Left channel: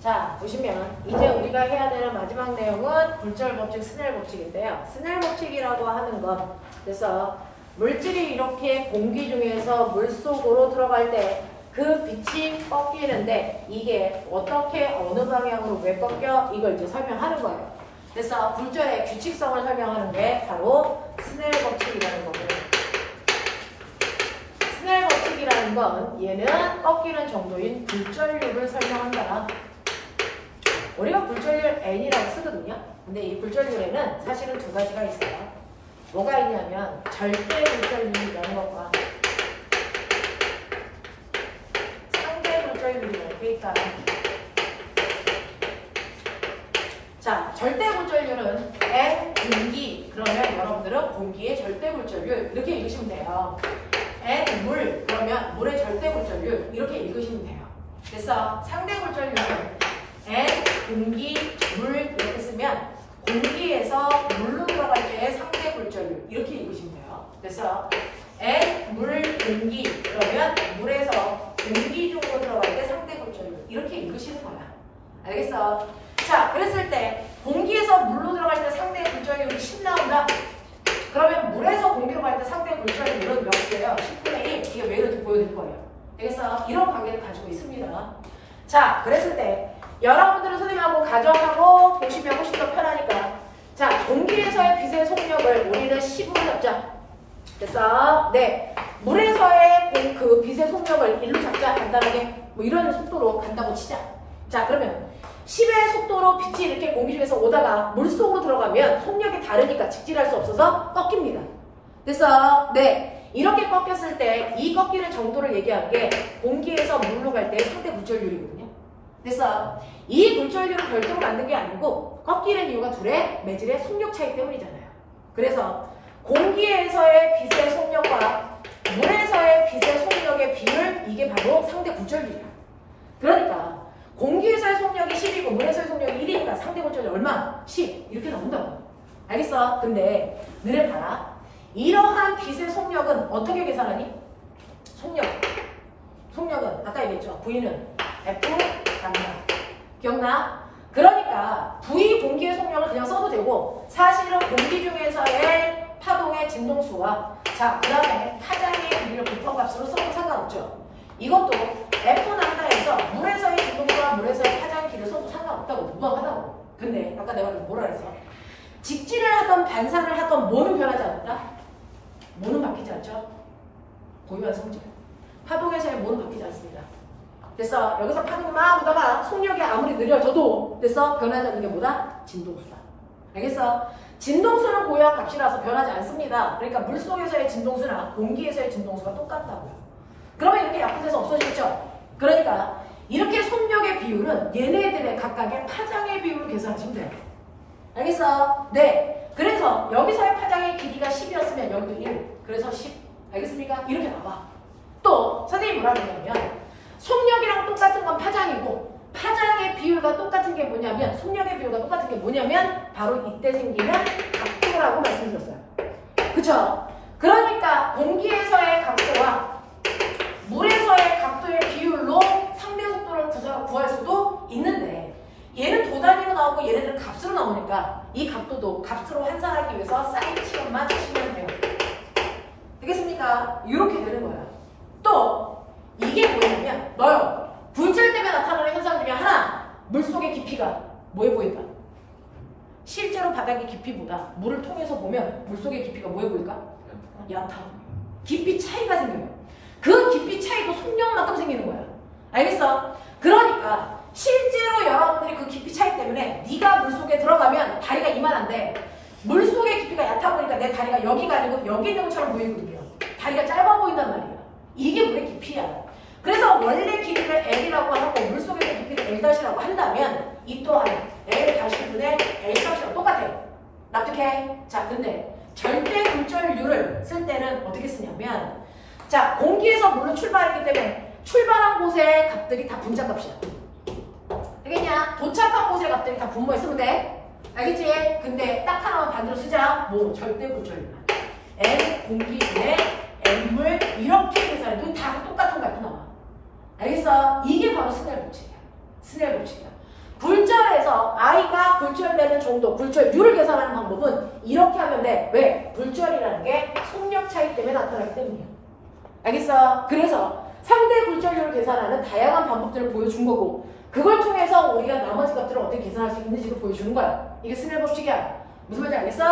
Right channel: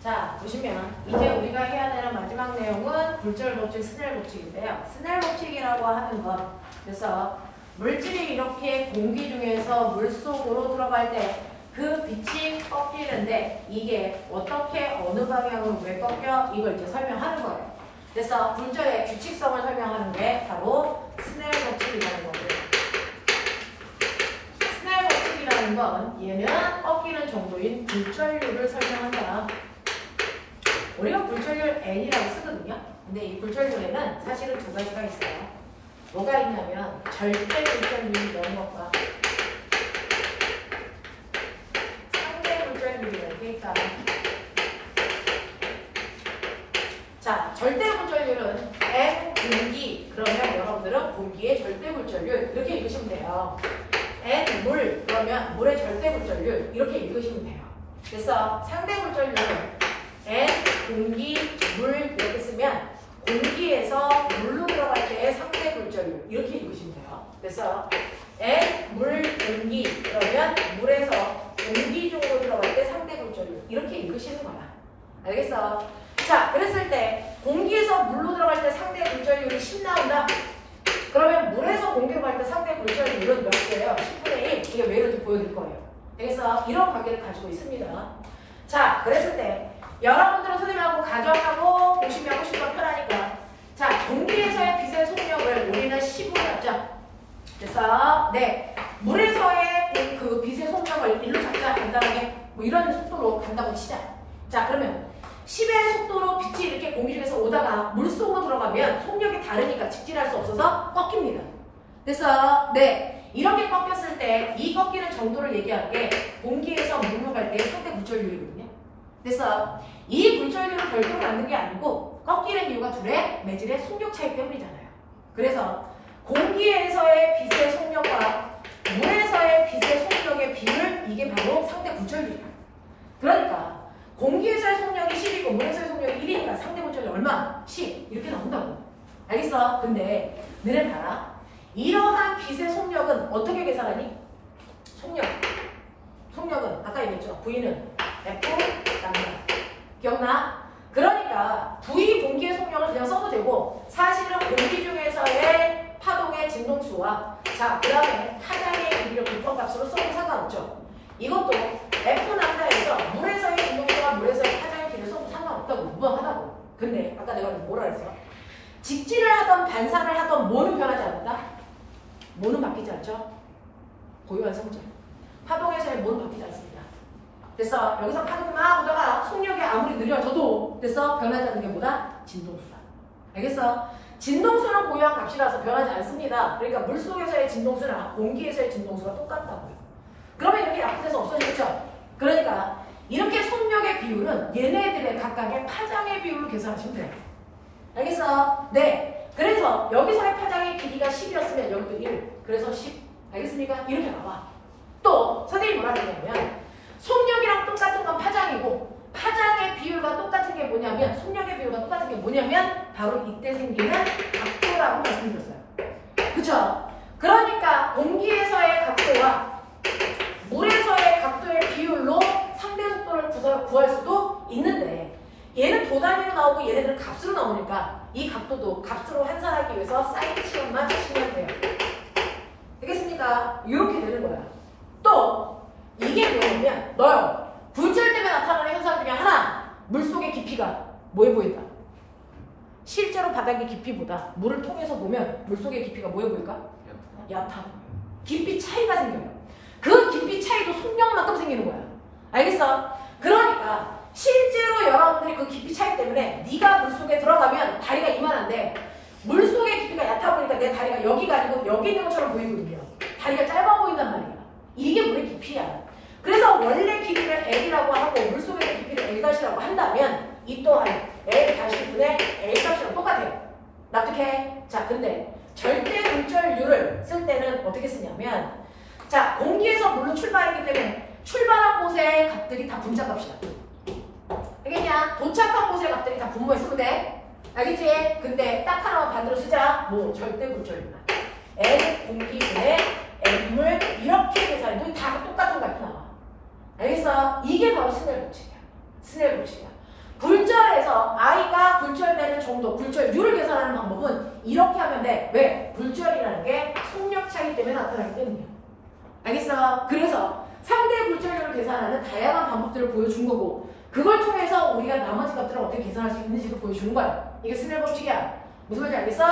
자, 보시면 이제 우리가 해야 되는 마지막 내용은 굴절 법칙, 스넬 법칙인데요. 스넬 법칙이라고 하는 것, 그래서 물질이 이렇게 공기 중에서 물속으로 들어갈 때 그 빛이 꺾이는데 이게 어떻게 어느 방향으로 왜 꺾여? 이걸 이제 설명하는 거예요. 그래서 굴절의 규칙성을 설명하는 게 바로 스넬 법칙이라는 거고요. 스넬 법칙이라는 건 얘는 꺾이는 정도인 굴절률을 설명한다. 우리가 굴절률 n이라고 쓰거든요. 근데 이 굴절률에는 사실은 두 가지가 있어요. 뭐가 있냐면 절대 굴절률이 이런 것과 상대 굴절률이 이렇게 있다. 자, 절대 굴절률은 n 공기, 그러면 여러분들은 공기의 절대 굴절률 이렇게 읽으시면 돼요. n 물, 그러면 물의 절대 굴절률 이렇게 읽으시면 돼요. 그래서 상대 굴절률은 n 공기, 물 이렇게 쓰면 공기에서 물로 들어갈 때의 상대 굴절률 이렇게 읽으시면 돼요. 그래서 n 물 공기 그러면 물에서 공기 중으로 들어갈 때 상대 굴절률 이렇게 읽으시는 거야. 알겠어? 자, 그랬을 때 공기에서 물로 들어갈 때 상대 굴절률이 10 나온다. 그러면 물에서 공기로 갈 때 상대 굴절률은 몇 개예요? 10분의 1. 이게 왜 이런지 보여드릴 거예요. 그래서 이런 관계를 가지고 있습니다. 자, 그랬을 때 여러분들은 선생님하고 가정하고 보시면 훨씬 더 편하니까. 자, 공기에서의 빛의 속력을 우리는 10으로 잡자. 그래서 네, 물에서의 그 빛의 속력을 1로 잡자. 간단하게 뭐 이런 속도로 간다고 치자. 자, 그러면 10의 속도로 빛이 이렇게 공기 중에서 오다가 물속으로 들어가면 속력이 다르니까 직진할 수 없어서 꺾입니다. 그래서 네, 이렇게 꺾였을 때 이 꺾이는 정도를 얘기한 게 공기에서 물로 갈 때 상대 굴절률이거든요. 그래서 이 굴절률을 별도로 만든 게 아니고 꺾이는 이유가 둘의 매질의 속력 차이 때문이잖아요. 그래서 공기에서의 빛의 속력과 물에서의 빛의 속력의 비율, 이게 바로 상대 굴절률이야. 그러니까 공기에서의 속력이 10이고 물에서의 속력이 1이니까 상대 굴절률 얼마? 10 이렇게 나온다고. 알겠어? 근데 너네 봐라. 이러한 빛의 속력은 어떻게 계산하니? 속력은 아까 얘기했죠. V는 F 남나. 기억나? 그러니까 V 공기의 속력을 그냥 써도 되고 사실은 공기 중에서의 파동의 진동수와 자, 그 다음에 파장의 길이를 불평값으로 써도 상관없죠. 이것도 F 남다에서 물에서의 진동수와 물에서의 파장의 길이를 써도 상관없다고, 무방하다고. 근데 아까 내가 뭐라 했어? 직진을 하던 반사를 하던 뭐는 변하지 않는다? 뭐는 바뀌지 않죠? 고유한 성질. 파동에서의 뭐는 바뀌지 않습니다. 그래서 여기서 파동이 막 오다가 속력이 아무리 느려져도 그래서 변하지 않는 게 뭐다? 진동수다. 알겠어? 진동수는 고유한 값이라서 변하지 않습니다. 그러니까 물속에서의 진동수나 공기에서의 진동수가 똑같다고요. 그러면 이렇게 약분돼서 없어지겠죠? 그러니까 이렇게 속력의 비율은 얘네들의 각각의 파장의 비율로 계산하시면 돼요. 알겠어? 네. 그래서 여기서의 파장의 길이가 10이었으면 여기도 1. 그래서 10. 알겠습니까? 이렇게 나와. 또 선생님이 뭐라 그러냐면 속력이랑 똑같은 건 파장이고 파장의 비율과 똑같은 게 뭐냐면 속력의 비율과 똑같은 게 뭐냐면 바로 이때 생기는 각도라고 말씀드렸어요. 그쵸? 그러니까 공기에서의 각도와 물에서의 각도의 비율로 상대 속도를 구할 수도 있는데 얘는 도 단위로 나오고 얘네들은 값으로 나오니까 이 각도도 값으로 환산하기 위해서 사인 치료만 치면 돼요. 되겠습니까? 이렇게 되는 거야. 또 이게 뭐냐면 너 굴절 때문에 나타나는 현상 중에 하나, 물속의 깊이가 뭐해 보인다? 실제로 바닥의 깊이보다 물을 통해서 보면 물속의 깊이가 뭐해 보일까? 얕아. 깊이 차이가 생겨요. 그 깊이 차이도 속력만큼 생기는 거야. 알겠어? 그러니까 실제로 여러분들이 그 깊이 차이 때문에 네가 물속에 들어가면 다리가 이만한데 물속의 깊이가 얕아 보니까 내 다리가 여기가 아니고 여기 있는 것처럼 보이거든요. 다리가 짧아 보인단 말이야. 이게 물의 깊이야. 그래서 원래 길이를 L이라고 하고 물속의 깊이를 L-이라고 한다면 이 또한 L-분의 L-값이랑 똑같아. 납득해? 자, 근데 절대 굴절률을 쓸 때는 어떻게 쓰냐면 자, 공기에서 물로 출발했기 때문에 출발한 곳의 값들이 다 분자값이야. 알겠냐? 도착한 곳의 값들이 다 분모에 쓰면 돼. 알겠지? 근데 딱 하나만 반대로 쓰자. 뭐 절대 굴절률만. L 공기분의 L물 이렇게 계산해도 다 똑같은 값이 나와. 알겠어? 이게 바로 스넬 법칙이야. 스넬 법칙이야. 굴절에서 i가 굴절되는 정도, 굴절률을 계산하는 방법은 이렇게 하면 돼. 왜? 굴절이라는 게 속력 차이 때문에 나타나기 때문이야. 알겠어? 그래서 상대 굴절률을 계산하는 다양한 방법들을 보여준 거고 그걸 통해서 우리가 나머지 값들을 어떻게 계산할 수 있는지도 보여주는 거야. 이게 스넬 법칙이야. 무슨 말인지 알겠어?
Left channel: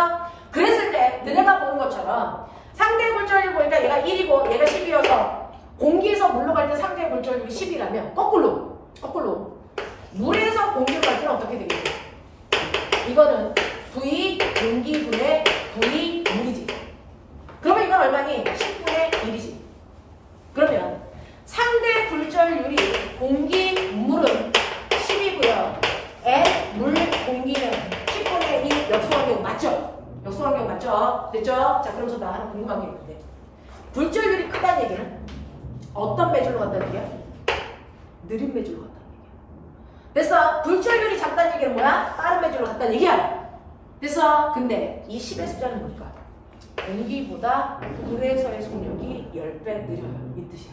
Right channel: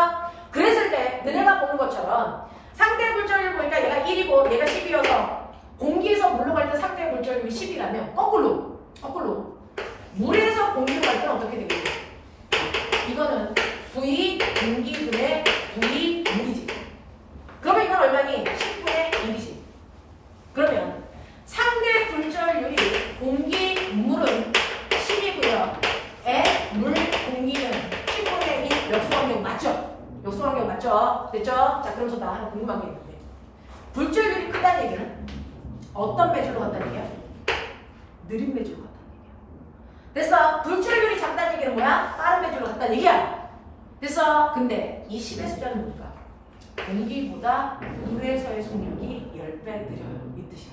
그랬을 때 너네가 보는 것처럼 상대 굴절률 보니까 얘가 1이고 얘가 10이어서 공기에서 물로 갈 때 상대 굴절률이 10이라면 거꾸로 물에서 공기로 갈 때는 어떻게 되겠지? 이거는 V 공기분의 V 물이지. 그러면 이건 얼마니? 10분의 1이지. 그러면 상대 굴절률이 공기, 물은 10이고요. 물, 공기는 10분의 1이 역수환경 맞죠? 역수환경 맞죠? 됐죠? 자, 그럼 나 하나 궁금한 게 있는데 굴절률이 크다는 얘기는 어떤 매줄로 간다는 얘기야? 느린 매줄로 간다는 얘기야. 됐어? 굴절률이 작다는 얘기는 뭐야? 빠른 매줄로 간다는 얘기야. 됐어? 근데 이 10의 숫자는 뭘까? 공기보다 물에서의 속력이 10배 느려요. 이 뜻이야.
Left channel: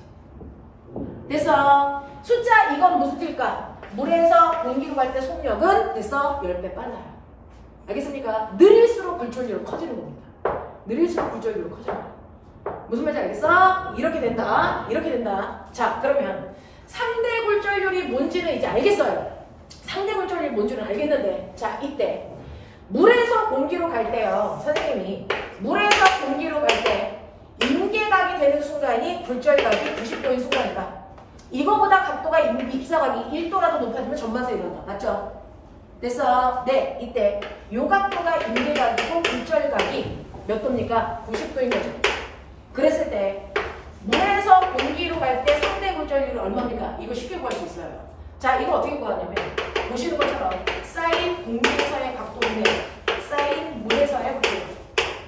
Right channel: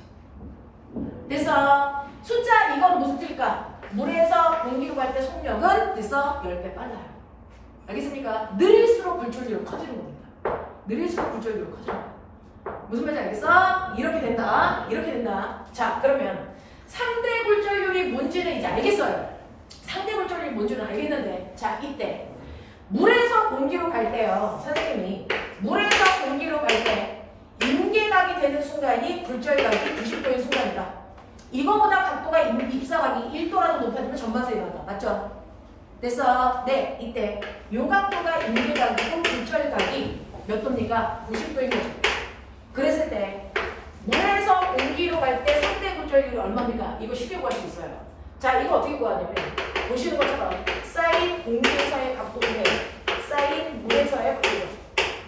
됐어? 숫자 이건 무슨 뜻일까? 물에서 공기로 갈 때 속력은 됐어? 10배 빨라요. 알겠습니까? 느릴수록 굴절률은 커지는 겁니다. 느릴수록 굴절률은 커져요. 무슨 말인지 알겠어? 이렇게 된다. 이렇게 된다. 자, 그러면 상대 굴절률이 뭔지는 이제 알겠어요. 상대 굴절률이 뭔지는 알겠는데 자, 이때 물에서 공기로 갈 때요. 선생님이 물에서 공기로 갈 때 임계각이 되는 순간이 굴절각이 90도인 순간이다. 이거보다 각도가 입사각이 1도라도 높아지면 전만세 일어난다. 맞죠? 됐어? 네, 이때 요 각도가 임계각이고 굴절각이 몇 도입니까? 90도인 거죠. 그랬을 때 물에서 공기로 갈 때 상대 굴절률이 얼마입니까? 이거 쉽게 구할 수 있어요. 자, 이거 어떻게 구하냐면 보시는 것처럼 사인 공기에서의 각도인데 사인 물에서의 각도.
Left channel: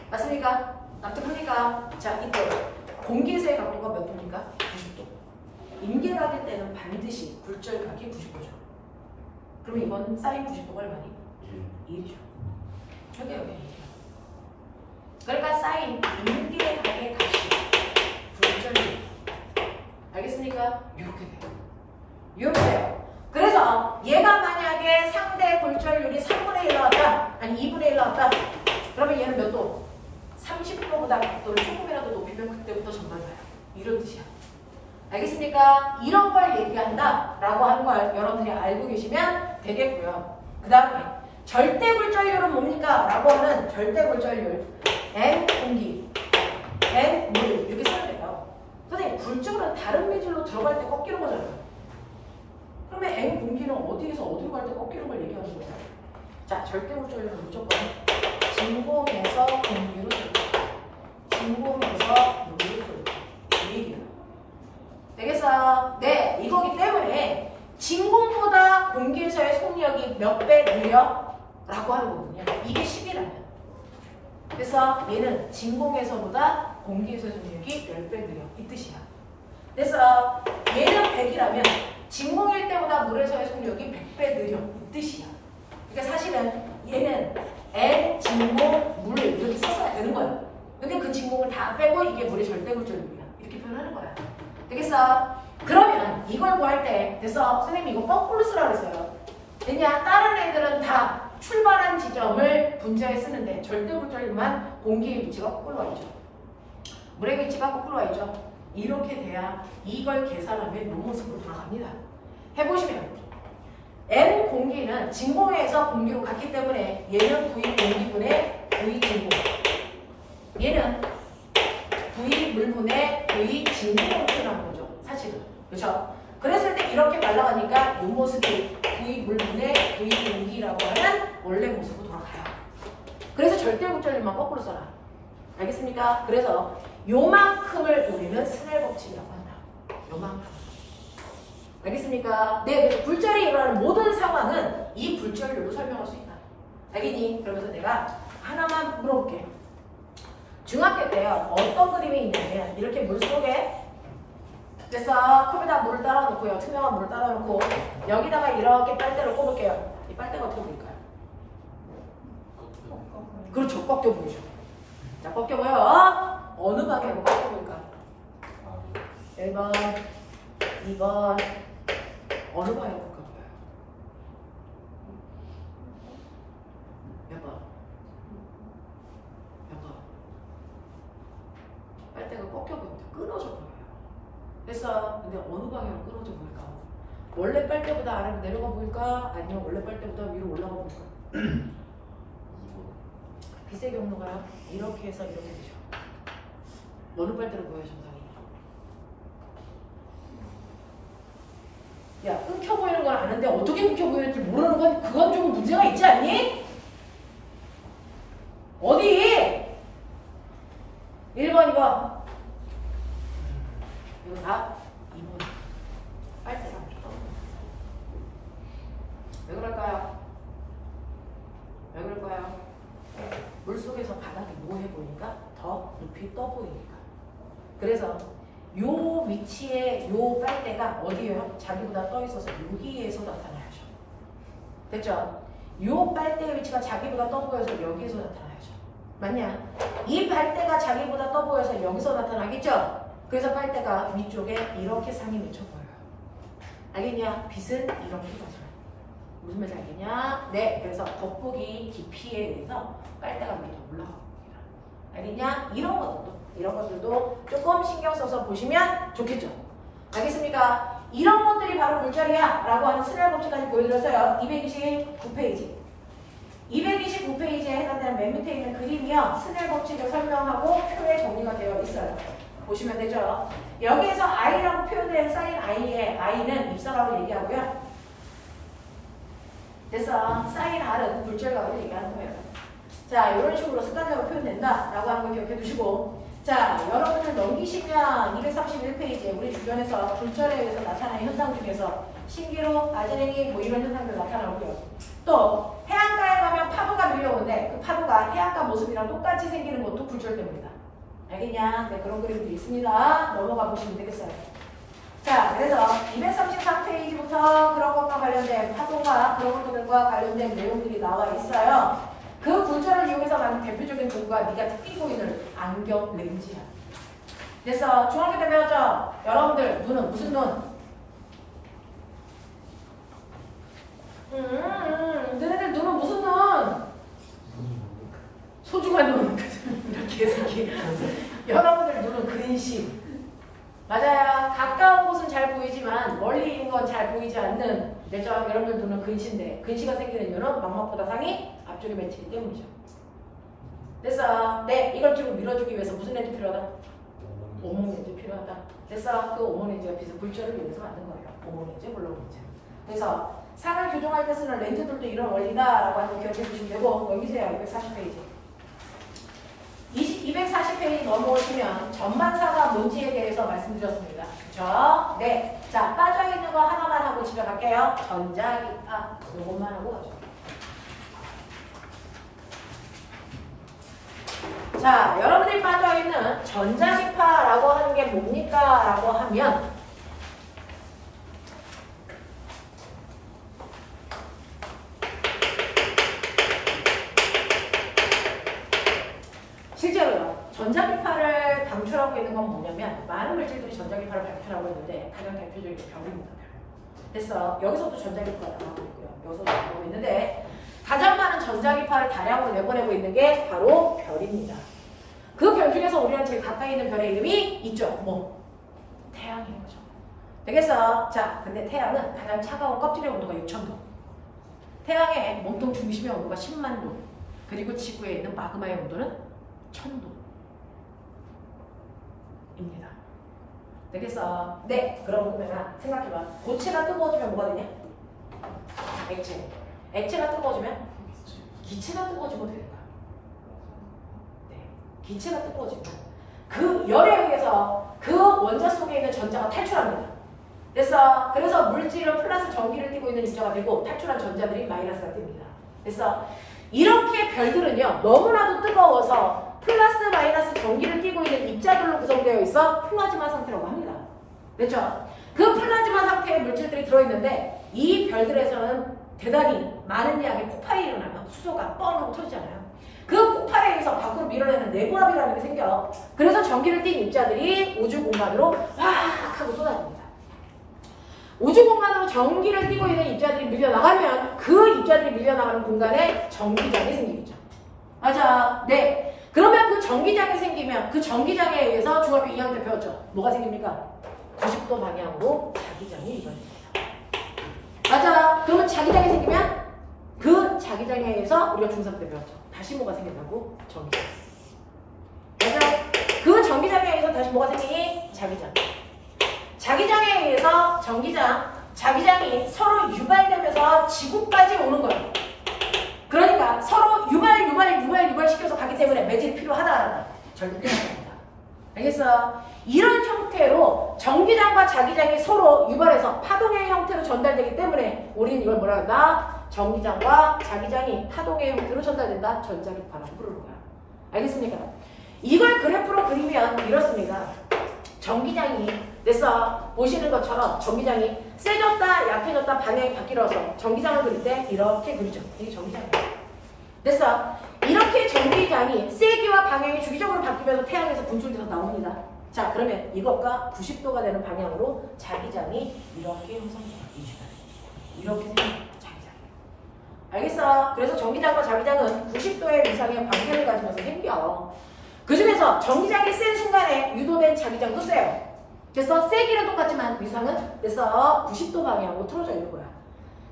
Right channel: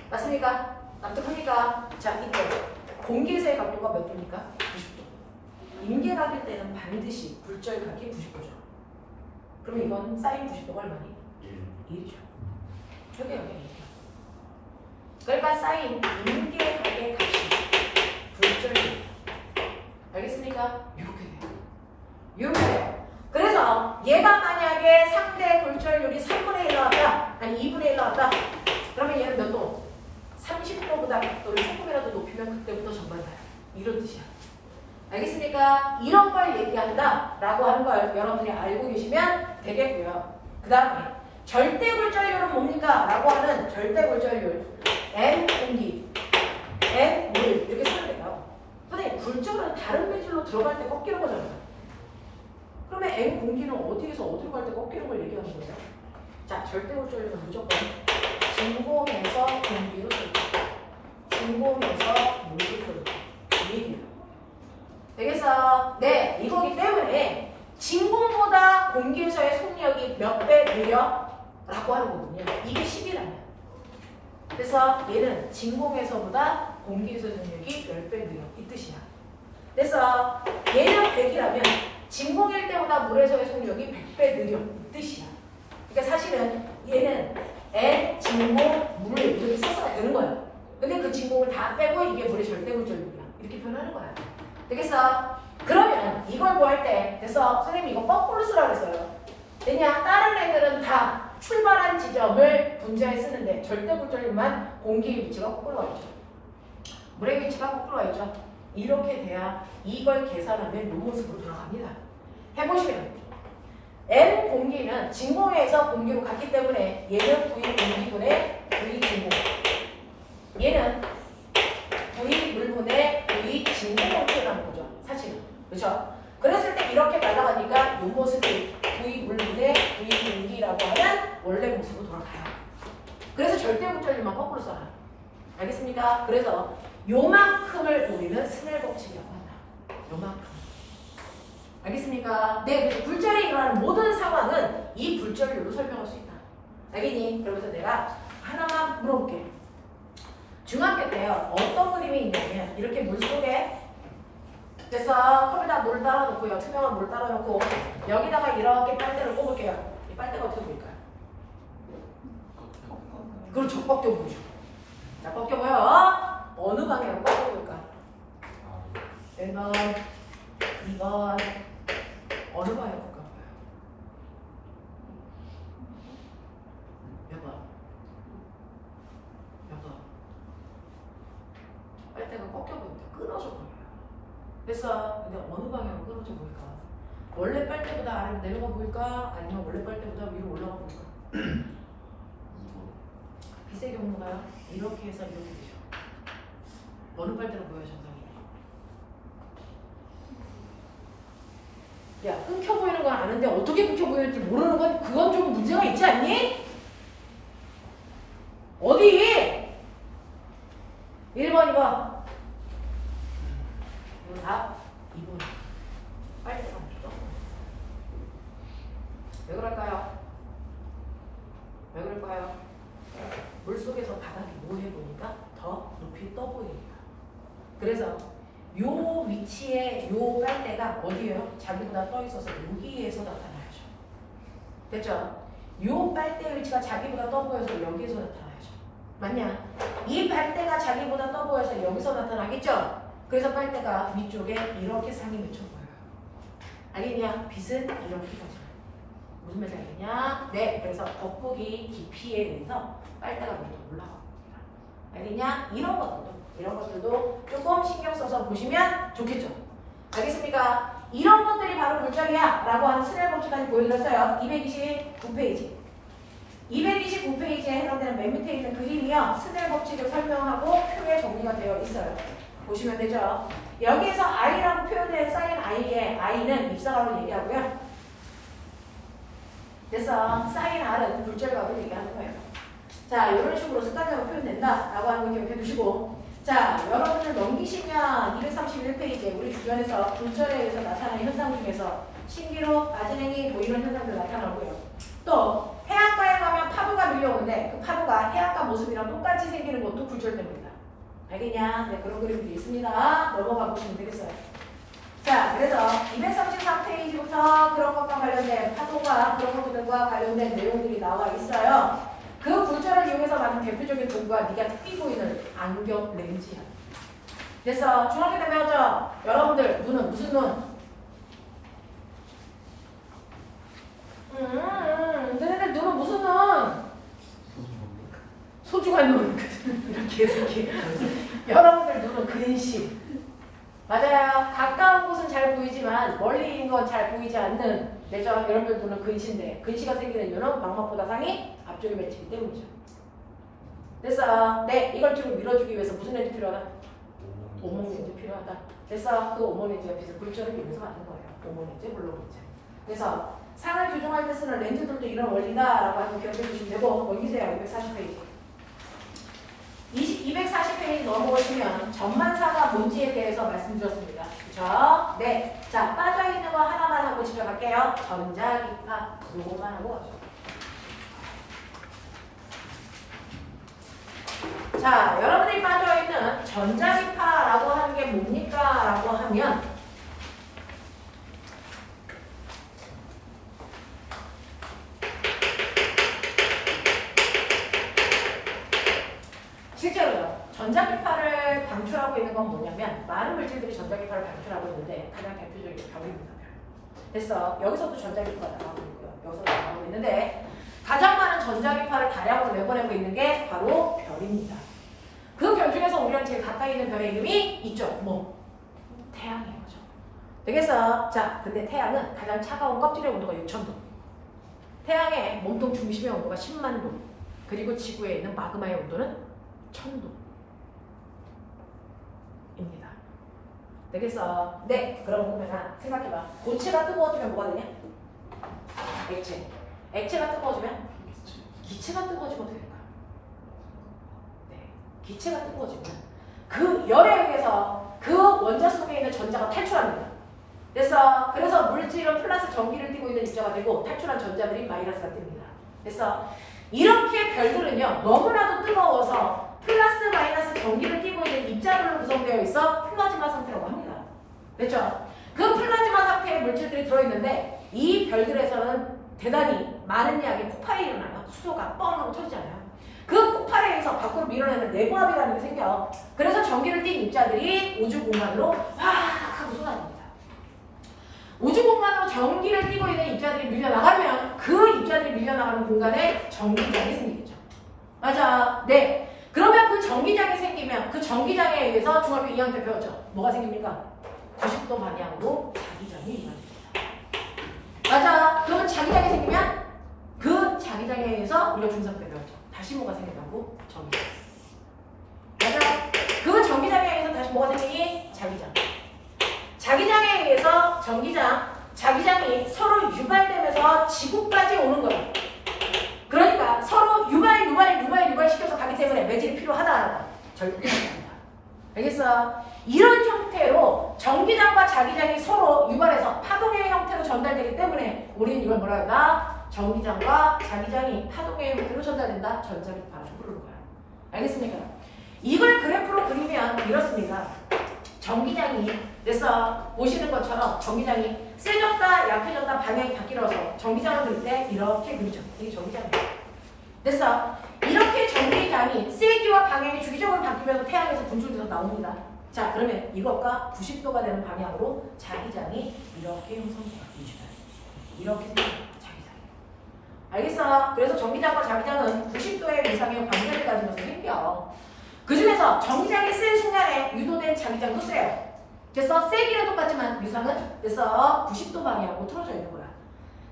맞습니까? 납득합니까? 자, 이때 공기에서의 각도가 몇 도입니까? 90도. 임계각일 때는 반드시 굴절각이 90도죠. 그럼 이건 사인 90도가 얼마니? 1이죠. 여기 1이요. 그러니까 사인 임계각의 값이 굴절률. 알겠습니까? 이렇게 돼요. 이렇게 돼요. 그래서 얘가 만약에 상대 굴절률이 3분의 1 나왔다. 아니 2분의 1 나왔다. 그러면 얘는 몇 도? 30도보다 각도를 조금이라도 높이면 그때부터 전반 가요. 이런 뜻이야. 알겠습니까? 이런 걸 얘기한다 라고 하는 걸 여러분들이 알고 계시면 되겠고요. 그 다음에 절대굴절률은 뭡니까? 라고 하는 절대굴절률 N 공기, N 물 이렇게 쓰면 돼요. 선생님 굴절은 다른 매줄로 들어갈 때 꺾이는 거잖아요. 그러면 N 공기는 어디에서 어디로 갈 때 꺾이는 걸 얘기하는 거예요. 자, 절대굴절률은 무조건 진공에서 공기로 쏠 진공에서 물로 쏠 얘기예요. 되겠어? 네, 이거기 때문에 진공보다 공기에서의 속력이 몇 배 느려? 라고 하는 거거든요. 이게 10이라면. 그래서 얘는 진공에서보다 공기에서의 속력이 10배 느려. 이 뜻이야. 그래서 얘는 100이라면 진공일 때보다 물에서의 속력이 100배 느려. 이 뜻이야. 그러니까 사실은 얘는 N 진공 물 이렇게 써서야 되는 거예요. 근데 그 진공을 다 빼고 이게 물의 절대굴절률이야. 이렇게 표현하는 거야. 되겠어? 그러면 이걸 구할 때 됐어? 선생님이 이거 거꾸로 쓰라고 했어요. 왜냐? 다른 애들은 다 출발한 지점을 분자에 쓰는데 절대굴절률만 공기의 위치가 거꾸로 와있죠. 물의 위치가 거꾸로 와있죠. 이렇게 돼야 이걸 계산하면 이 모습으로 돌아갑니다. 해보시면 N 공기는 진공에서 공기로 갔기 때문에 얘는 V 공기분의 V 진공, 얘는 V 물분의 V 진공으로 표현하는 거죠. 사실은. 그렇죠? 그랬을 때 이렇게 날아가니까 이 모습이 V 물분의 V 공기라고 하는 원래 모습으로 돌아가요. 그래서 절대굴절률만 거꾸로 써라. 알겠습니까? 그래서 요만큼을 우리는 스넬 법칙이라고 한다. 요만큼. 알겠습니까? 네, 그래서 굴절이 일어나는 모든 상황은 이 굴절률로 설명할 수 있다. 알겠니? 그러면서 내가 하나만 물어볼게. 중학교 때요, 어떤 그림이 있냐면 이렇게 물속에 됐어. 컵에다 물 따라 놓고요. 투명한 물 따라 놓고 여기다가 이렇게 빨대를 꼽을게요. 이 빨대가 어떻게 보일까요? 그렇죠. 꺾여 보이죠. 자, 꺾여 보여. 어느 방향으로 꺾여 보일까? 1번, 2번 어느 방향으로 꺾여 보여요? 됐어. 근데 어느 방향으로 끊어져 보일까? 원래 빨대보다 아래로 내려가 보일까? 아니면 원래 빨대보다 위로 올라가 보일까? 2번. 빛의 경로가요. 이렇게 해서 이렇게 되죠. 어느 빨대로 보여요, 정상이? 야, 끊겨 보이는 건 아는데 어떻게 끊겨 보이는지 모르는 건 그건 좀 문제가 있지 않니? 어디? 1번, 2번. 이거 다 2번. 빨대가 묻어. 왜 그럴까요? 왜 그럴까요? 물속에서 바닥이 모해 보니까 더 높이 떠 보이니까. 그래서 요 위치에 요 빨대가 어디에요? 자기보다 떠 있어서 여기에서 나타나야죠. 됐죠? 요 빨대의 위치가 자기보다 떠 보여서 여기에서 나타나야죠. 맞냐? 이 빨대가 자기보다 떠 보여서 여기서 나타나겠죠? 그래서 빨대가 위쪽에 이렇게 상이 맺혀 보여요. 알겠냐? 빛은 이렇게 가져요. 무슨 말인지 알겠냐? 네, 그래서 겉보기 깊이에 의해서 빨대가 위로 올라옵니다. 알겠냐? 이런 것들도 조금 신경 써서 보시면 좋겠죠? 알겠습니까? 이런 것들이 바로 골자리야 라고 하는 스넬 법칙까지 보여드렸어요. 229페이지. 229페이지에 해당되는 맨 밑에 있는 그림이요. 스넬 법칙을 설명하고 표에 정리가 되어 있어요. 보시면 되죠? 여기에서 I라고 표현된 사인 I의 I는 입사각을 얘기하고요. 그래서 사인 R은 굴절각을 얘기하는 거예요. 자, 이런 식으로 습관적으로 표현된다 라고 하는 걸 기억해 두시고, 자, 여러분들 넘기시면 231페이지에 우리 주변에서 굴절에 의해서 나타나는 현상 중에서 신기루, 아진행이 보이는 현상들 나타나고요. 또 해안가에 가면 파도가 밀려오는데 그 파도가 해안가 모습이랑 똑같이 생기는 것도 굴절 때문이다. 알겠냐? 네, 그런 그림들이 있습니다. 넘어가 보시면 되겠어요. 자, 그래서 234페이지부터 그런 것과 관련된 파도가 그런 것들과 관련된 내용들이 나와 있어요. 그 굴절을 이용해서 만든 대표적인 도구가 네가 끼고 있는 안경 렌즈야. 그래서 중학교 때 배웠죠? 여러분들 눈은 무슨 눈? 너네들 눈은 무슨 눈? 소중한 눈. 이렇게 생긴. 여러분들 눈은 근심. 맞아요. 가까운 곳은 잘 보이지만 멀리 있는 건 잘 보이지 않는 내죠. 여러분들 눈은 근시인데 근시가 생기는 이유는 망막보다 상이 앞쪽에 맺히기 때문이죠. 됐어. 네, 이걸 좀 밀어주기 위해서 무슨 렌즈 필요하다? 오목 렌즈 필요하다. 됐어. 그 오목 렌즈가 빛의 굴절을 위해서 만든 거예요. 오목 렌즈, 볼록 렌즈. 그래서 상을 조종할 때 쓰는 렌즈들도 이런 원리다라고 하는 거 기억해 주시면 되고, 넘기세요. 240페이지. 240페이지 넘어오시면 전반사가 뭔지에 대해서 말씀드렸습니다. 그렇죠? 네. 자, 빠져있는 거 하나만 하고 집에 갈게요. 전자기파. 요거만 하고 가죠. 자, 여러분들이 빠져있는 전자기파라고 하는 게 뭡니까? 라고 하면 실제로요. 전자기파를 방출하고 있는 건 뭐냐면 많은 물질들이 전자기파를 방출하고 있는데 가장 대표적인 게 별입니다. 됐어. 여기서도 전자기파가 나가고 있고요. 여기서도 나가고 있는데 가장 많은 전자기파를 다량으로 내보내고 있는 게 바로 별입니다. 그 별 중에서 우리랑 제일 가까이 있는 별의 이름이 있죠. 뭐? 태양인 거죠. 되겠어? 자, 근데 태양은 가장 차가운 껍질의 온도가 6000도. 태양의 몸통 중심의 온도가 10만 도. 그리고 지구에 있는 마그마의 온도는 1000도. 입니다. 되겠어? 네. 그럼 그러면 생각해봐. 고체가 뜨거워지면 뭐가 되냐? 액체. 액체가 뜨거워지면 기체가 뜨거워지면 될까? 네. 기체가 뜨거워지면 그 열에 의해서 그 원자 속에 있는 전자가 탈출합니다. 됐어? 그래서 물질은 플러스 전기를 띠고 있는 입자가 되고 탈출한 전자들이 마이너스가 띱니다. 됐어? 이렇게 별들은요. 너무나도 뜨거워서 플러스 마이너스 전기를 띠고 있는 입자들로 구성되어 있어 플라즈마 상태라고 합니다. 됐죠? 그 플라즈마 상태의 물질들이 들어있는데 이 별들에서는 대단히 많은 양의 폭발이 일어나요. 수소가 뻥 하고 터지잖아요. 그 폭발에 의해서 밖으로 밀어내는 내부압이라는 게 생겨요. 그래서 전기를 띤 입자들이 우주 공간으로 확 하고 쏟아집니다. 우주 공간으로 전기를 띠고 있는 입자들이 밀려나가면 그 입자들이 밀려나가는 공간에 전기장이 생기겠죠. 맞아. 네. 그러면 그 전기장이 생기면 그 전기장에 의해서 중학교 2학년 때 배웠죠. 뭐가 생깁니까? 90도 방향으로 자기장이 이루어집니다. 맞아. 그러면 자기장이 생기면 그 자기장에 의해서 우리가 중3 때 배웠죠. 다시 뭐가 생긴다고? 전기장. 맞아. 그 전기장에 의해서 다시 뭐가 생기니? 자기장. 자기장에 의해서 전기장, 자기장이 서로 유발되면서 지구까지 오는 거예요. 그러니까 서로 유발 시켜서 가기 때문에 매질이 필요하다. 절대입니다. 알겠어? 이런 형태로 전기장과 자기장이 서로 유발해서 파동의 형태로 전달되기 때문에 우리는 이걸 뭐라 한다? 전기장과 자기장이 파동의 형태로 전달된다. 전자기파라고 부르는 거야. 알겠습니까? 이걸 그래프로 그리면 이렇습니다. 전기장이 됐어. 보시는 것처럼 전기장이 세졌다 약해졌다 방향이 바뀌어서 전기장을 그릴 때 이렇게 그리죠. 이게 전기장이에요. 됐어. 이렇게 전기장이 세기와 방향이 주기적으로 바뀌면서 태양에서 분출돼서 나옵니다. 자, 그러면 이것과 90도가 되는 방향으로 자기장이 이렇게 형성돼요. 이렇게 생긴 자기장. 알겠어? 그래서 전기장과 자기장은 90도의 이상의 방향을 가지면서 생겨. 그 중에서 전기장이 센 순간에 유도된 자기장도 세요. 그래서 세기는 똑같지만 위상은 그래서 90도 방향으로 틀어져 있는 거야.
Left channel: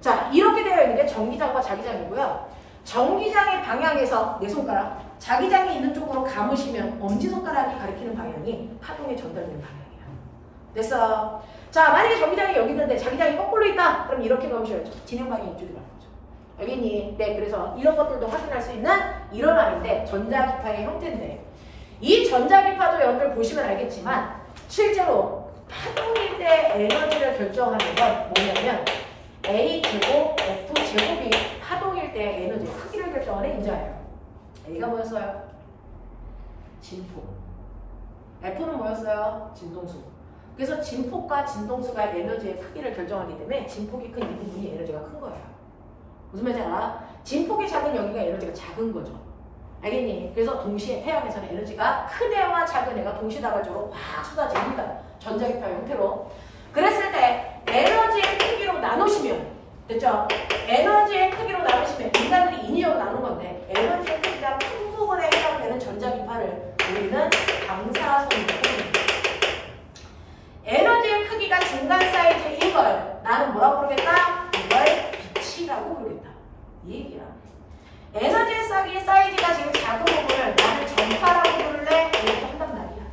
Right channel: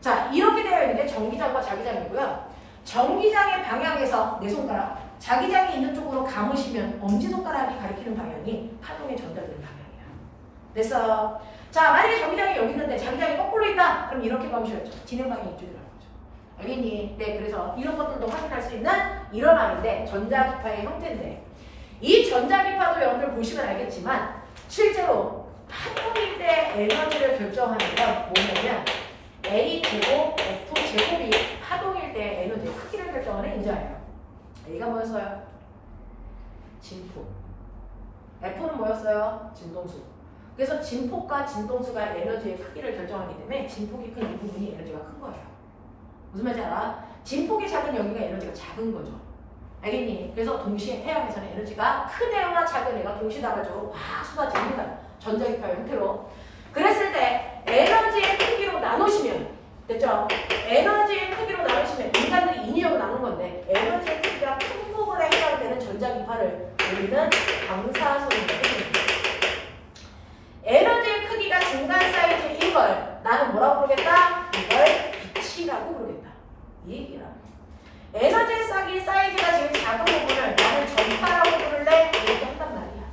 자, 이렇게 되어 있는 게 전기장과 자기장이고요. 전기장의 방향에서 내 손가락, 자기장이 있는 쪽으로 감으시면 엄지손가락이 가리키는 방향이 파동이 전달되는 방향이야. 됐어? 자, 만약에 전기장이 여기 있는데 자기장이 거꾸로 있다. 그럼 이렇게 감으셔야죠. 진행 방향이 이쪽이라는 거죠. 알겠니? 네, 그래서 이런 것들도 확인할 수 있는 이런 암인데 전자기파의 형태인데 이 전자기파도 여러분들 보시면 알겠지만 실제로 파동일 때 에너지를 결정하는 건 뭐냐면 A제곱, F제곱이 파동일 때 에너지의 크기를 결정하는 인자예요. A가 뭐였어요? 진폭. F는 뭐였어요? 진동수. 그래서 진폭과 진동수가 에너지의 크기를 결정하기 때문에 진폭이 큰 이 부분이 에너지가 큰 거예요. 무슨 말인지 알아? 진폭이 작은 여기가 에너지가 작은 거죠. 알겠니? 그래서 동시에 태양에서는 에너지가 큰 애와 작은 애가 동시다발적으로 확 쏟아집니다. 전자기파의 형태로. 그랬을 때 에너지의 크기로 나누시면 됐죠? 에너지의 크기로 나누시면 인간들이 인위적으로 나눈 건데 에너지의 크기가 큰 부분에 해당되는 전자기파를 우리는 방사선이라고 부릅니다. 에너지의 크기가 중간 사이즈인 걸 나는 뭐라고 부르겠다? 이걸 빛이라고 부르겠다. 이 얘기야. 에너지의 사이즈가 지금 작은 부분을 나는 전파라고 부를래? 이렇게 한단 말이야.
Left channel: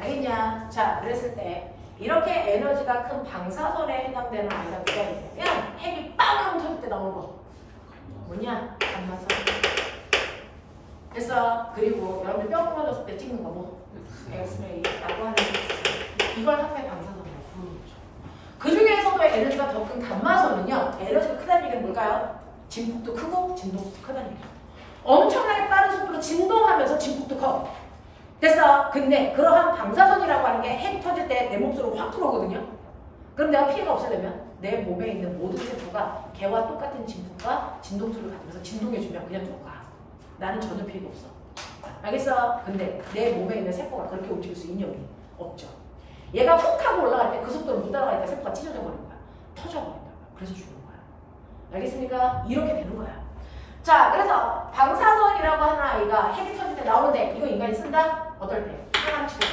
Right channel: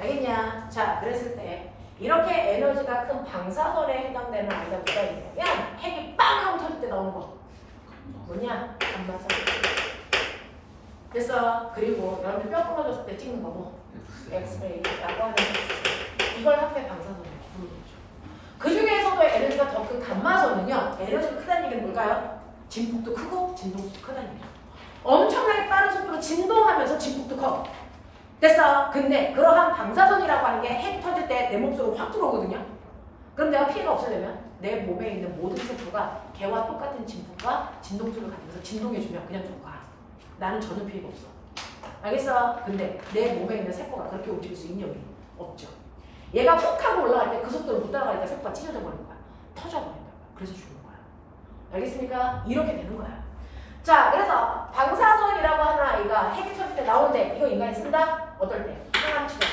알겠냐? 자, 그랬을 때 이렇게 에너지가 큰 방사선에 해당되는 아이가 누가 있냐면 핵이 빵 하고 터질 때 나오는 거 뭐냐? 감마선. 됐어. 그리고 여러분들 뼈 부러졌을 때 찍는 거 뭐? 엑스레이라고 하는 게 있어요. 이걸 합해 방사선이라고 부르는 거죠. 그 중에서도 에너지가 더 큰 감마선은요. 에너지가 크다는 얘기는 뭘까요? 진폭도 크고 진동수도 크다는 얘기예요. 엄청나게 빠른 속도로 진동하면서 진폭도 커. 됐어. 근데 그러한 방사선이라고 하는 게 핵이 터질 때 내 몸속으로 확 들어오거든요. 그럼 내가 피해가 없으려면 내 몸에 있는 모든 세포가 걔와 똑같은 진폭과 진동수를 가지면서 진동해주면 그냥 죽어가. 나는 전혀 피해가 없어. 알겠어? 근데 내 몸에 있는 세포가 그렇게 움직일 수 있는 여력이 없죠. 얘가 훅 하고 올라갈 때 그 속도로 못 따라가니까 세포가 찢어져 버리는 거야. 터져버린다. 그래서 죽는 거야. 알겠습니까? 이렇게 되는 거야. 자, 그래서 방사선이라고 하는 아이가 핵이 터질 때 나오는데 이거 인간이 쓴다? 어떨 때? 항암 치료.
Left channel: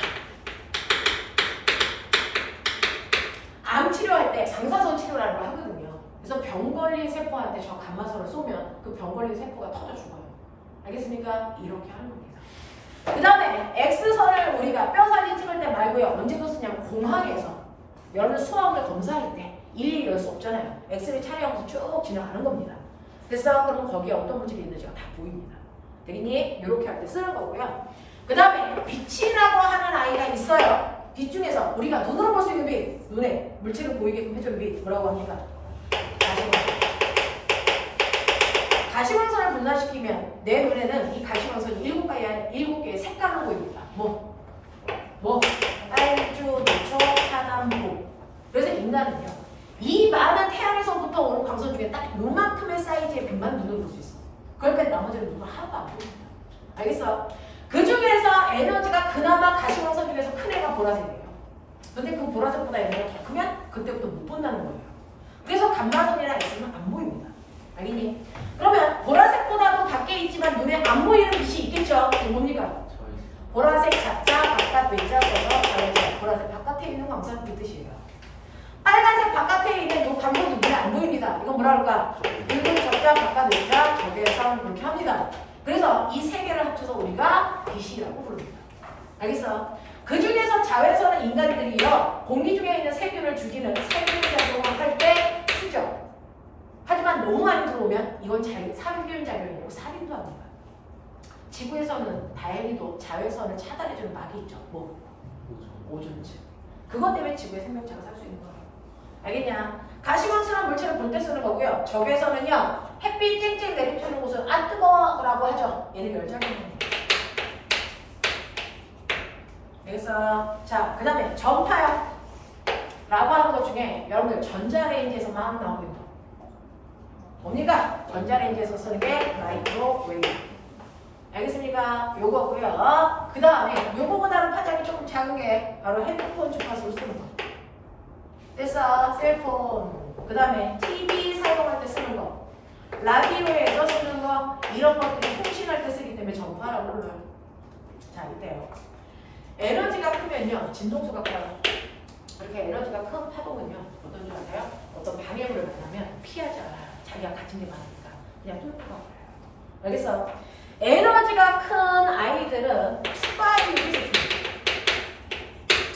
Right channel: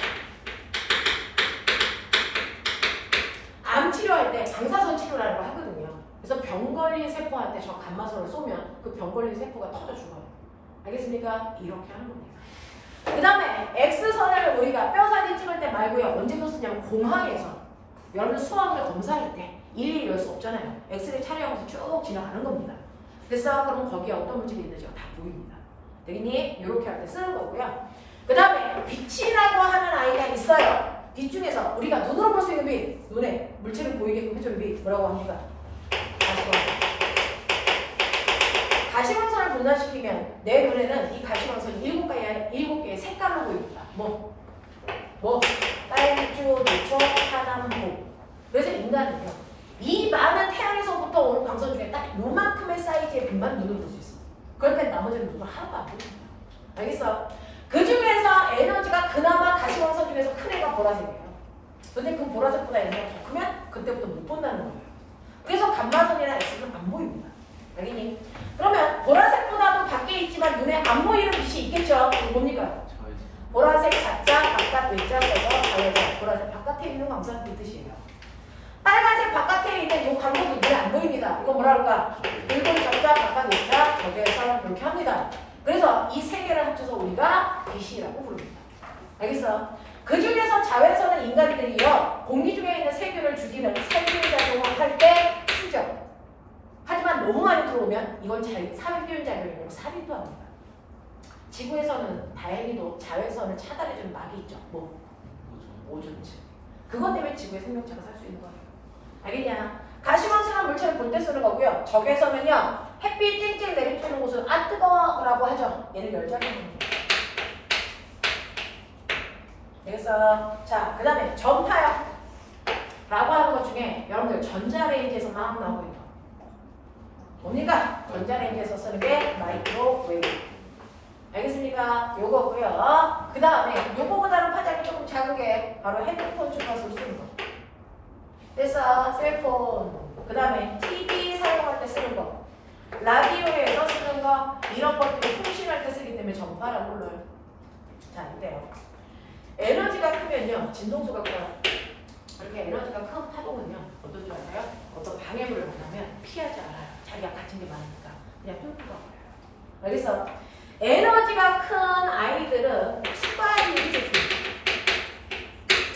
암 치료할 때 방사선 치료라는 걸 하거든요. 그래서 병 걸린 세포한테 저 감마선을 쏘면 그 병 걸린 세포가 터져 죽어요. 알겠습니까? 이렇게 하는 겁니다. 그 다음에 X선을 우리가 뼈 사진 찍을 때 말고요. 언제도 쓰냐면 공항에서 여러분 수화물을 검사할 때 일일이 열 수 없잖아요. 엑스레이 촬영해서 쭉 지나가는 겁니다. 됐어? 그러면 거기에 어떤 물질이 있는지가 다 보입니다. 되겠니? 이렇게 할 때 쓰는 거고요. 그 다음에 빛이라고 하는 아이가 있어요. 빛 중에서 우리가 눈으로 볼 수 있는 빛, 눈에 물질을 보이게끔 해주는 빛 뭐라고 합니까? 가시광선. 가시광선을 분산시키면 내 눈에는 이 가시광선이 7개의 색깔로 보입니다. 뭐? 딸주, 노초, 탄암, 보. 그래서 인간은요. 이 많은 태양에서부터 오는 광선 중에 딱 요만큼의 사이즈의 빛만 눈으로 볼 수 있어. 그러니까 나머지는 눈으로 하나도 안 보입니다. 알겠어? 그 중에서 에너지가 그나마 가시광선 중에서 큰 애가 보라색이에요. 근데 그 보라색보다 에너지가 더 크면 그때부터 못 본다는 거예요. 그래서 감마선이나 X는 안 보입니다. 알겠니? 그러면 보라색보다도 밖에 있지만 눈에 안 보이는 빛이 있겠죠? 뭡니까? 보라색 자자 바깥 외자 써서 보라색 바깥에 있는 광선. 이거 뭐라 그럴까? 붉은 적자, 각각 외자, 적외선 이렇게 합니다. 그래서 이 세 개를 합쳐서 우리가 빛이라고 부릅니다. 알겠어? 그 중에서 자외선은 인간들이요 공기 중에 있는 세균을 죽이는 세균 작용을 할 때 쓰죠. 하지만 너무 많이 들어오면 이건 살균 작용이고 살인도 합니다. 지구에서는 다행히도 자외선을 차단해주는 막이 있죠. 뭐? 오존층. 그것 때문에 지구에 생명체가 살 수 있는 거예요. 알겠냐? 가시광선한 물체를 볼 때 쓰는 거고요. 적외선은요 햇빛 쨍쨍 내리쬐는 곳은 아 뜨거워라고 하죠. 얘는 열작용입니다. 그래서 자, 그 다음에 전파요 라고 하는 것 중에 여러분들 전자레인지에서 막 나오고 있는 거 뭡니까? 전자레인지에서 쓰는 게 마이크로웨이브. 알겠습니까? 요거고요. 그 다음에 요거보다는 파장이 조금 작은 게 바로 핸드폰 주파수를 쓰는 거. 그래서 셀폰, 그 다음에 TV 사용할 때 쓰는 거, 라디오에서 쓰는 거, 이런 것들이 통신할 때 쓰기 때문에 전파라고 불러요. 자, 이때요. 에너지가 크면요, 진동수가 커요. 이렇게 에너지가 큰 파동은요, 어떤 줄 알아요? 어떤 방해물을 만나면 피하지 않아요. 자기가 가진 게 많으니까. 그냥 뚫고 가요. 알겠어? 에너지가 큰 아이들은 투과율이 좋습니다.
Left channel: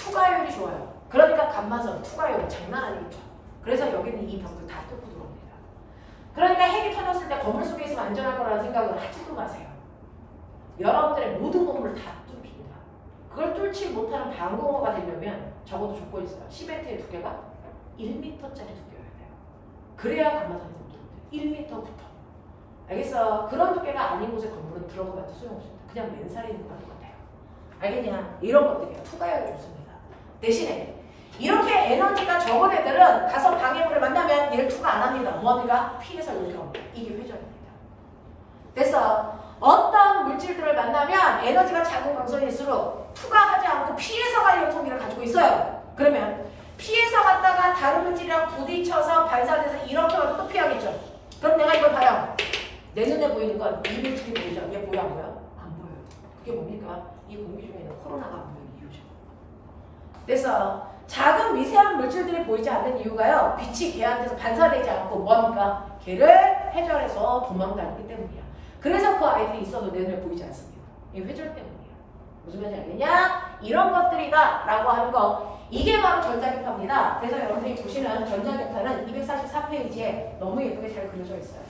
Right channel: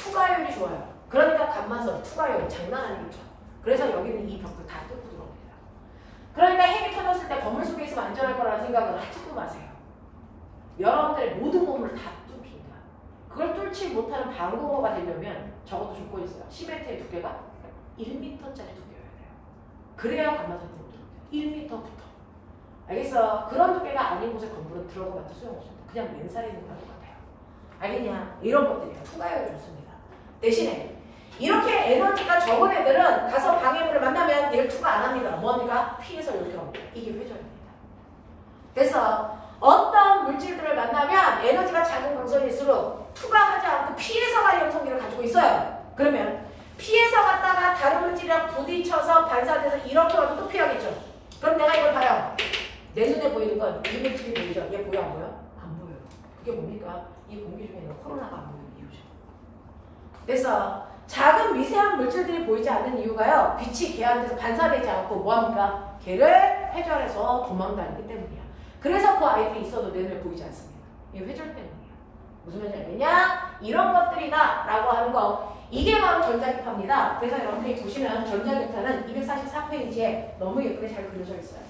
투과율이 좋아요. 그러니까 감마선, 투과율 장난 아니죠. 그래서 여기는 이 벽을 다 뚫고 들어옵니다. 그러니까 핵이 터졌을 때 건물 속에 있으면 안전할 거라는 생각을 하지도 마세요. 여러분들의 모든 건물을 다 뚫습니다. 그걸 뚫지 못하는 방공호가 되려면 적어도 조건이 있어요. 시멘트의 두께가 1m짜리 두께여야 돼요. 그래야 감마선이 못 들어옵니다. 1m부터. 알겠어? 그런 두께가 아닌 곳에 건물은 들어가봤자 소용없습니다. 그냥 맨살에 있는 거랑 똑같아요. 알겠냐? 이런 것들이요. 투과율이 좋습니다. 대신에 이렇게 에너지가 적은 애들은 가서 방해물을 만나면 얘를 투과 안 합니다. 뭐합니까? 피해서 이렇게 옵니다. 이게 회전입니다. 그래서 어떤 물질들을 만나면 에너지가 작은 광선일수록 투과하지 않고 피해서 가려는 성질을 가지고 있어요. 그러면 피해서 갔다가 다른 물질이랑 부딪혀서 발사돼서 이렇게 와도 또 피하겠죠. 그럼 내가 이걸 봐요. 내 눈에 보이는 건 이 물질이 보이죠? 얘 보여 안 보여? 안 보여요. 그게 뭡니까? 이 공기 중에 있는 코로나가 안 보이는 이유죠. 그래서 작은 미세한 물질들이 보이지 않는 이유가요. 빛이 걔한테서 반사되지 않고 뭐합니까? 걔를 회전해서 도망다니기 때문이야. 그래서 그 아이들이 있어도 내 눈에 보이지 않습니다. 이 회전 때문이야. 무슨 말인지 알겠냐? 이런 것들이다 라고 하는 거. 이게 바로 전자기파입니다. 그래서 여러분들이 보시는 전자기파는 244페이지에 너무 예쁘게 잘 그려져 있어요.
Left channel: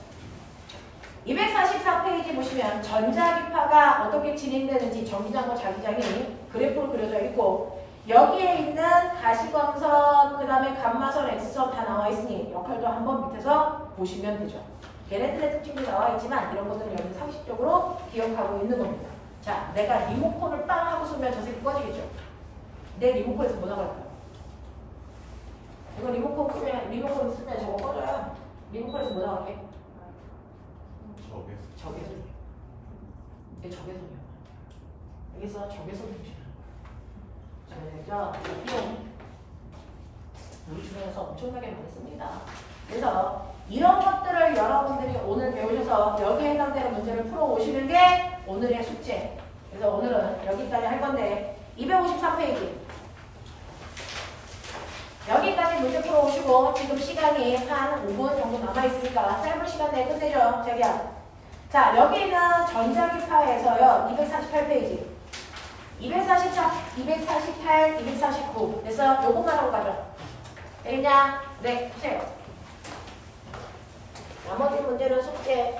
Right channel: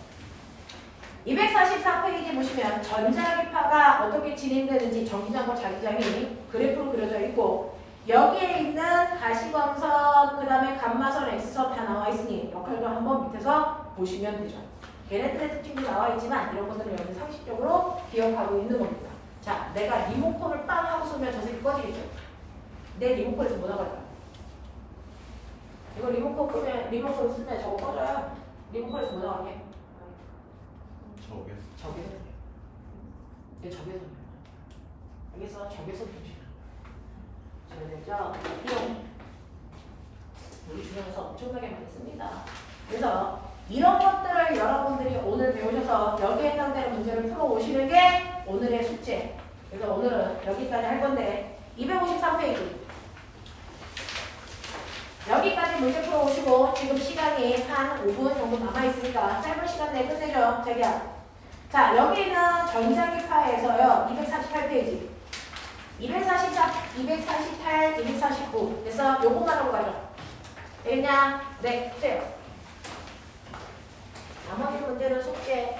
244페이지 보시면 전자기파가 어떻게 진행되는지 전기장과 자기장이 그래프로 그려져 있고 여기에 있는 가시광선, 그 다음에 감마선, X선 다 나와 있으니 역할도 한번 밑에서 보시면 되죠. 걔네들의 특징도 나와 있지만 이런 것들은 여기 상식적으로 기억하고 있는 겁니다. 자, 내가 리모컨을 빵 하고 쏘면 저 새끼 꺼지겠죠? 내 리모컨에서 뭐 나갈까요? 이거 리모컨 끄면, 리모컨 쓰면 저거 꺼져요. 리모컨에서 뭐 나갈게? 적외선. 내 적외선이요. 여기서 적외선이죠. 적외선. 우리 주변에서 엄청나게 많이 씁니다. 그래서 이런 것들을 여러분들이 오늘 배우셔서 여기에 해당되는 문제를 풀어오시는 게 오늘의 숙제. 그래서 오늘은 여기까지 할 건데 253페이지. 여기까지 문제 풀어오시고 지금 시간이 한 5분 정도 남아있으니까 짧은 시간 내에 끝내죠. 자기야. 자, 여기는 전자기파에서요. 248페이지. 244, 248, 249. 그래서 요것만 하고 가죠. 되겠냐? 네, 보세요. 나머지 문제는 숙제.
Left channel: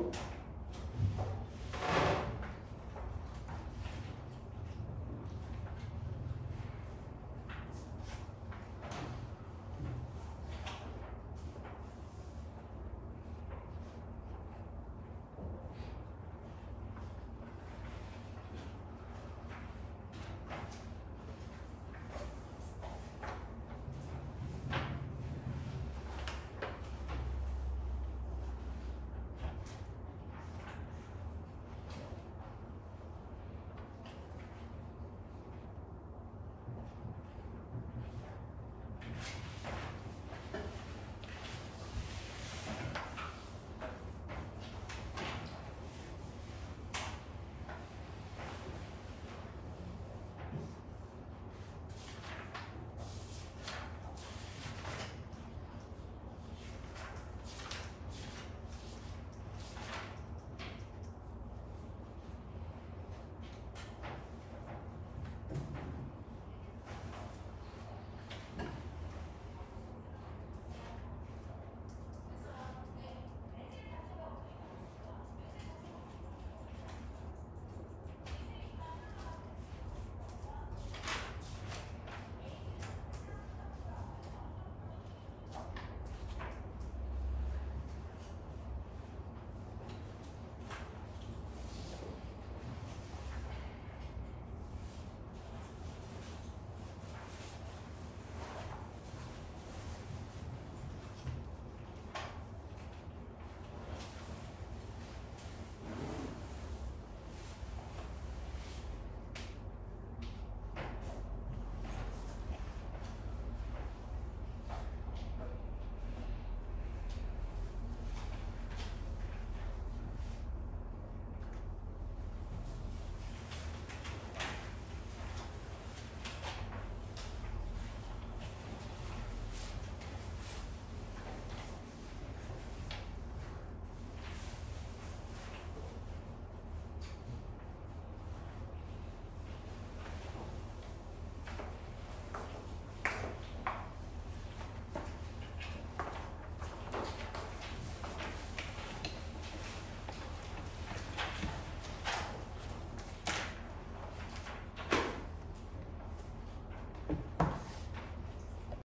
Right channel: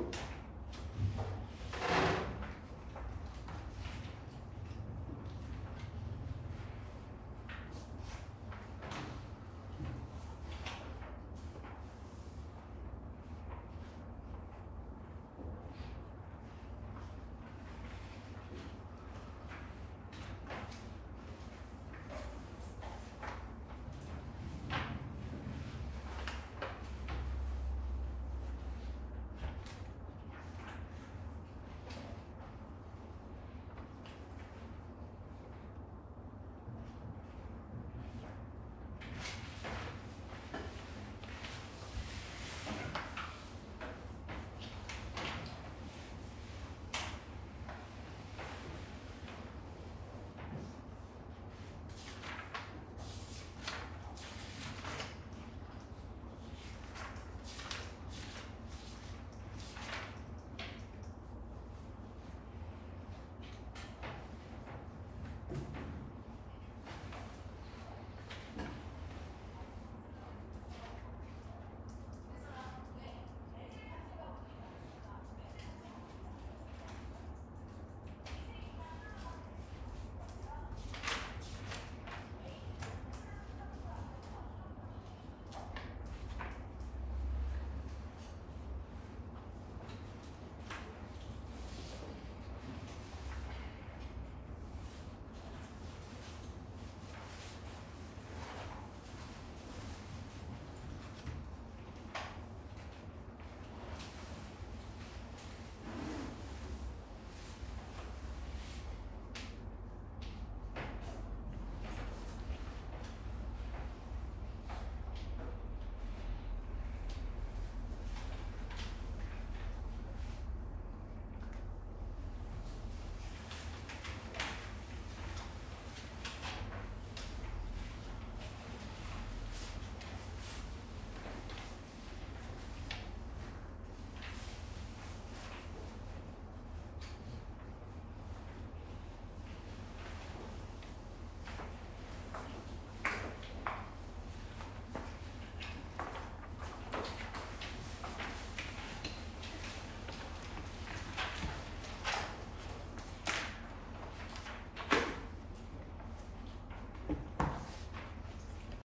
물